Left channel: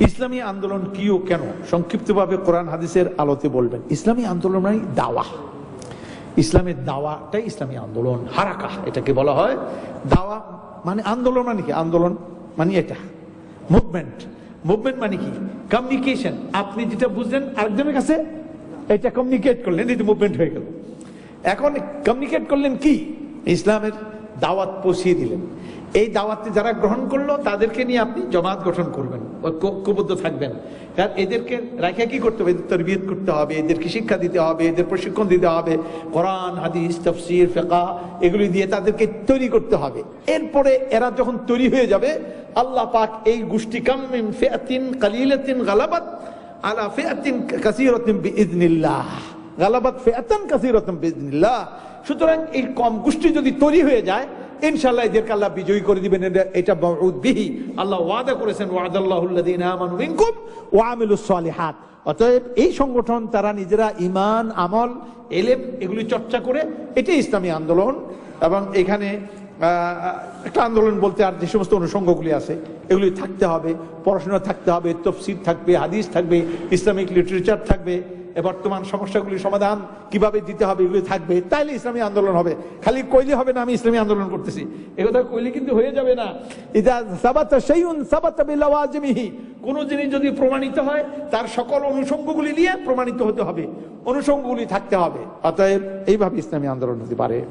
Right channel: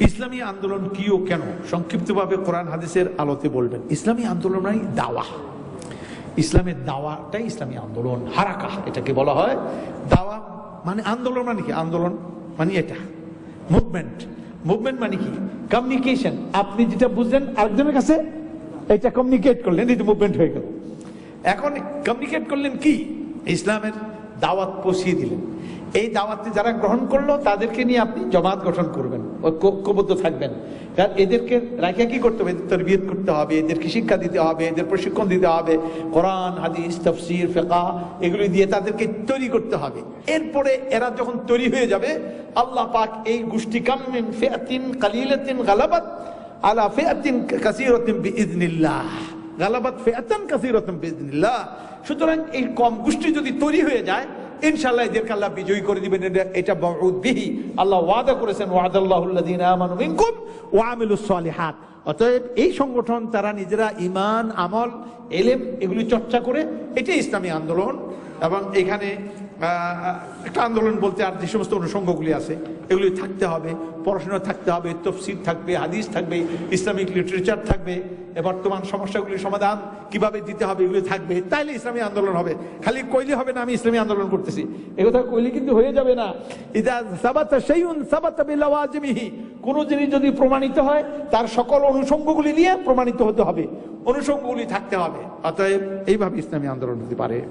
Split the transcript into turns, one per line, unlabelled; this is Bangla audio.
ইসলামী আন্দোলন কি ও কেন? সংক্ষিপ্তভাবে কোরআন হাদিসের আলোতে বলবেন। ইসলামী আন্দোলন মানে দাওয়া। ইসলামের দাওয়াটাই ইসলামী আন্দোলন। হারাকা, এটাকে বলা হয় দাওয়া। মানে আন্দোলন মানে কি? আন্দোলন মানে এটা। মুভমেন্ট। মুভমেন্ট মানে কি? কমিউনিকেশন। আপনি যেটা বুঝলেন আরেকজনের কাছে, এটা কমিউনিকেট করলেন এটা মুভমেন্ট হয়ে গেল। এখন কমিউনিকেট করলেন কি? ইসলামের দাওয়াত পৌঁছিয়ে দিলেন। এই দাওয়াতে যারা গ্রহণ করল, তাদেরকে নিয়ে আপনি জমাত গঠন করবেন ঐক্যবদ্ধ থাকবেন। কারণ এদেরকে রাখা কি করতে হবে? এদের তরবিয়ত করতে হবে, এদেরকে শিক্ষা দিতে হবে, এদের প্রশিক্ষণ দিতে হবে। কোরআন, হাদিস, তফসির ফেকা এগুলি দিয়ে তাদেরকে তৈরি করতে হবে। এরপরে এরা যখন তৈরি হয়ে যাবে, আল্লাহ পাক এই গোষ্ঠী কামিন ফেয়াতিন কালিলাতিন গালাবাত আলা ফেয়াতিন কাসিরাতিন বিইজনিল্লাহ গালাবাত ফেয়াতান বিইজনিল্লাহ সুতরাং এই কম গোষ্ঠী যদি তৈরি হয়ে যায় ইনশাল্লাহ এদেরকে আল্লাহ বিজয়ী করে দিবেন। এটা- বিহি। আল্লাহ ওয়াদা করেছেন ওয়াদাল্লাহুল্লাযীনা আমানু মিনকুম ওয়া আমিলুস সালিহাত। অতএব এই সংগঠন, তারা নিজেরা ইমান আমল, এলেম এগুলি চর্চা করে, এটাই ইসলামী আন্দোলন। এবং এখানে একটা আন্দোলন বলতে আর যে সমস্ত অনুষঙ্গগুলি আছে, এগুলি থাকতে হবে, পড়াশোনা থাকতে হবে, তফসির থাকবে, হাদিস থাকবে, ইসলামিক লিটারেচার থাকবে। বর্তমান সমস্যাগুলি সমাধান কীভাবে দিতে হবে, এগুলি থাকবে। তাইলে ইসলামী আন্দোলন হবে। খালি কইলে হবে না, আমি ইসলামী আন্দোলন করতেছি। একথা কইলে কিন্তু হয়ে যাবে না। কোন জিনিস যদি প্রমাণিত হয়, তার সকল অনুষঙ্গগুলি নিয়ে প্রমাণিত হতে হবে। অনুষঙ্গগুলি থাকতে হবে। অতএব এইভাবে ইসলামী আন্দোলন হতে পারে।